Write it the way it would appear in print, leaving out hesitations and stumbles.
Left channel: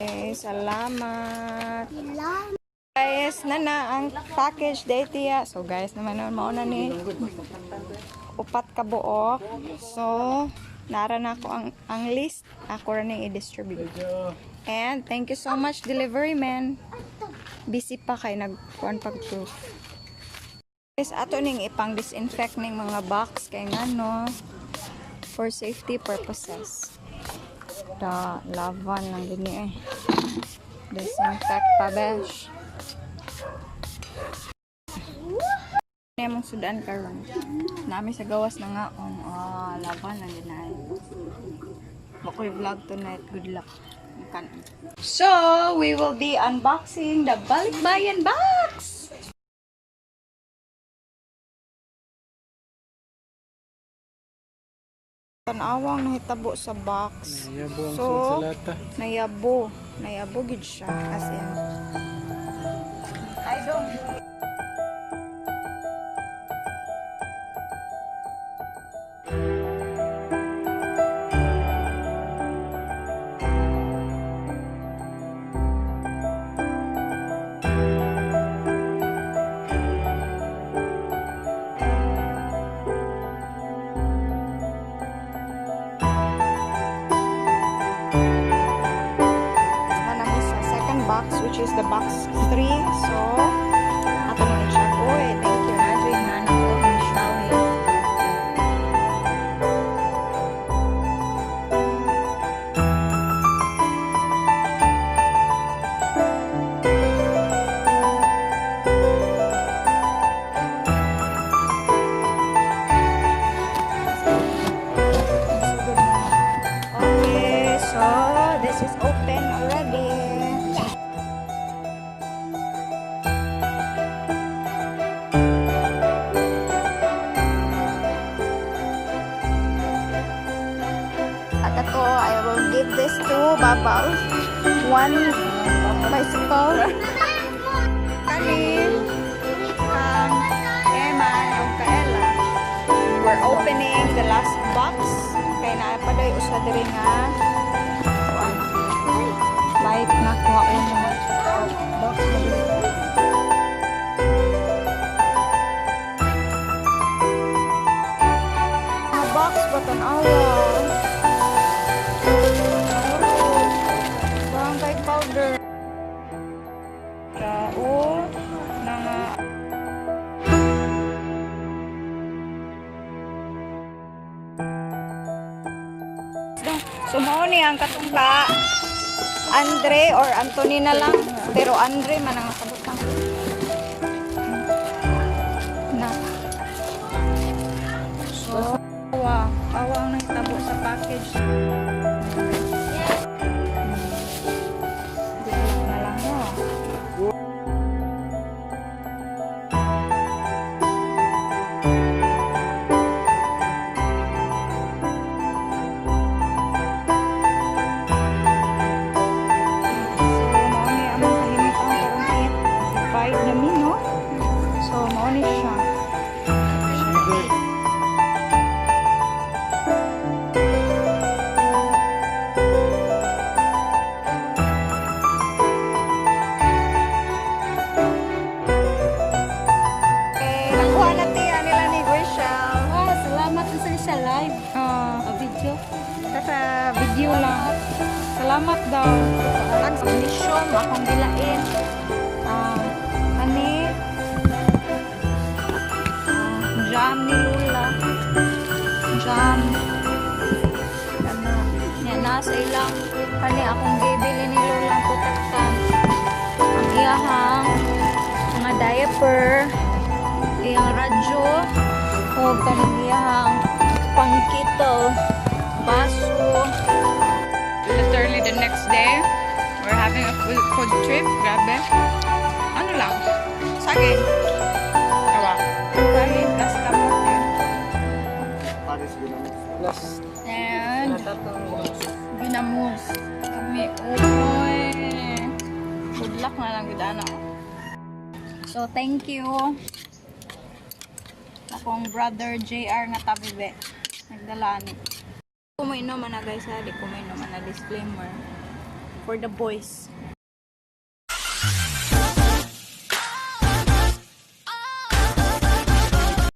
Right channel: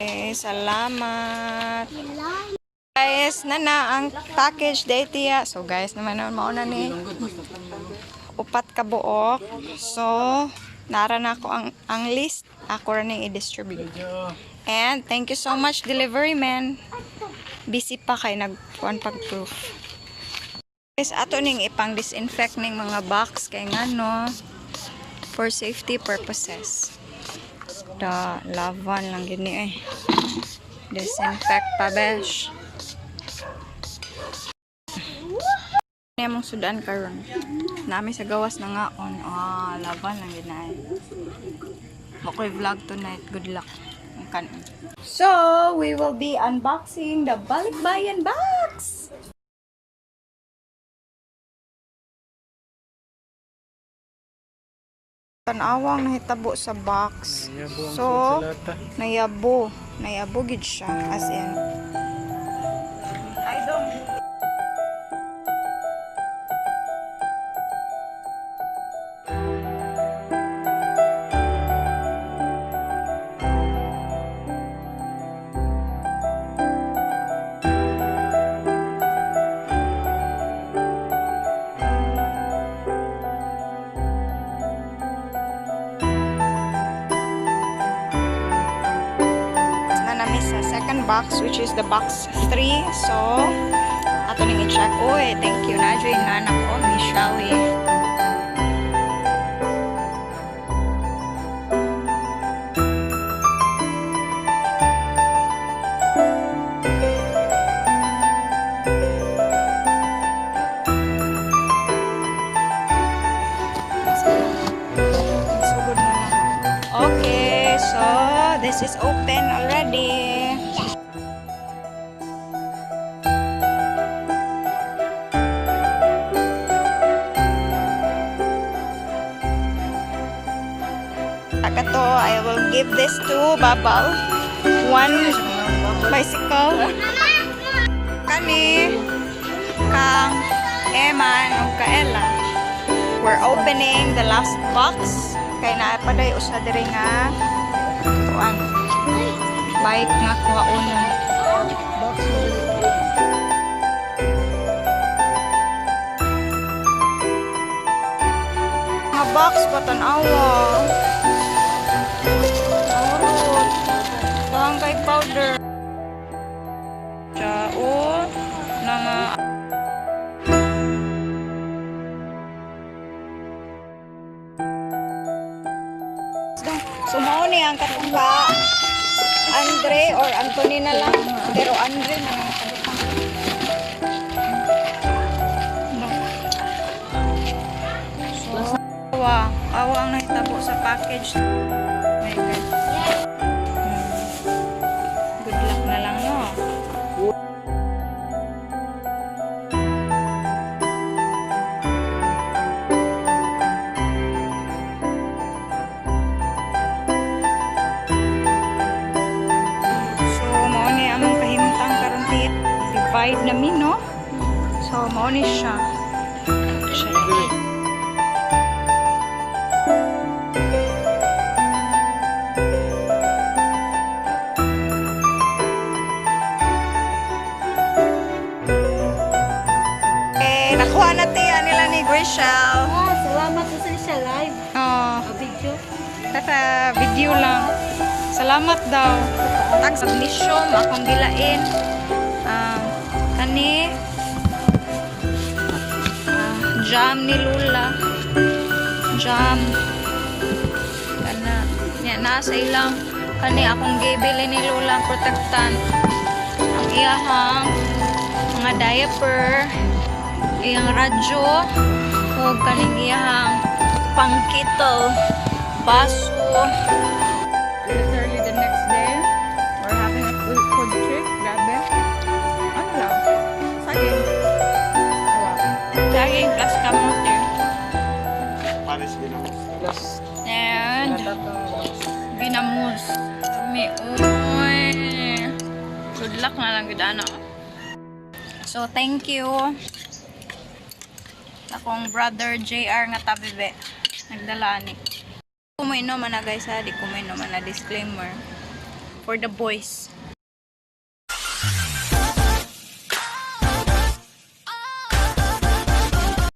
Okay, salamat. Guys, ang package dati ya. So guys, naman mauna ni upat ka buok. So nara na ako ang list. Ako rin i-distribute. And thank you so much delivery man. Busy pa kay nagkuan pag-proof. Guys, ato ning ipang disinfect ning mga box kay ngano for safety purposes. Da lavan lang gini eh. Disinfect pa besh. Ini mong sudan karon. Nami sa gawas na nga on. Laban lang ginay. Makoy vlog tonight. Good luck. So, we will be unboxing the Balikbayan box. Tanawang nahitabo sa box. So, nayabo gid siya as in. I don't. Namin sa second box which is the box 3. So ato ning i-check. Oy, thank you na joy nga anak ko Michelle. So good na. Okay, so this is open already. Akato, I will give this to Babal. One bicycle. Kani kang Eman o Kaela. We're opening the last box. Kay naapaday usa diri nga kuan bike nga kuhaon box nga box button awa dahang kay powder chao nga so mao ni ang katungka Andre or Anthony na lang pero Andre man ang kabutang na so awa ang nahitabo sa package. My God. Good luck na lang no. Among kahimtang karon tiya divide namin no, so mao ni siya. Nakuha na tiya nila ni Grishel. Salamat sa siya live. Video. Tata video lang. Salamat daw. Tag magnesium akong gilain. Kani jam ni Lula. Jam. Kana nya nasa ilang kani akong gibili ni Lula protectant. Ang iyahang mga diaper, iyang radyo, o kaning iyahang pangkito, baso. Literally the next day, we're having a food trip. Grabe. Ano lang? Saging. Awa. Saging plus kamote. Paris ginamos. Plus. And ginamos. Kami. Uy. Good luck na lang gudana. So, thank you. Akong brother JR nga tabibe. Nagdala ni. Kumain naman na guys ha, di kumain naman na disclaimer. For the boys.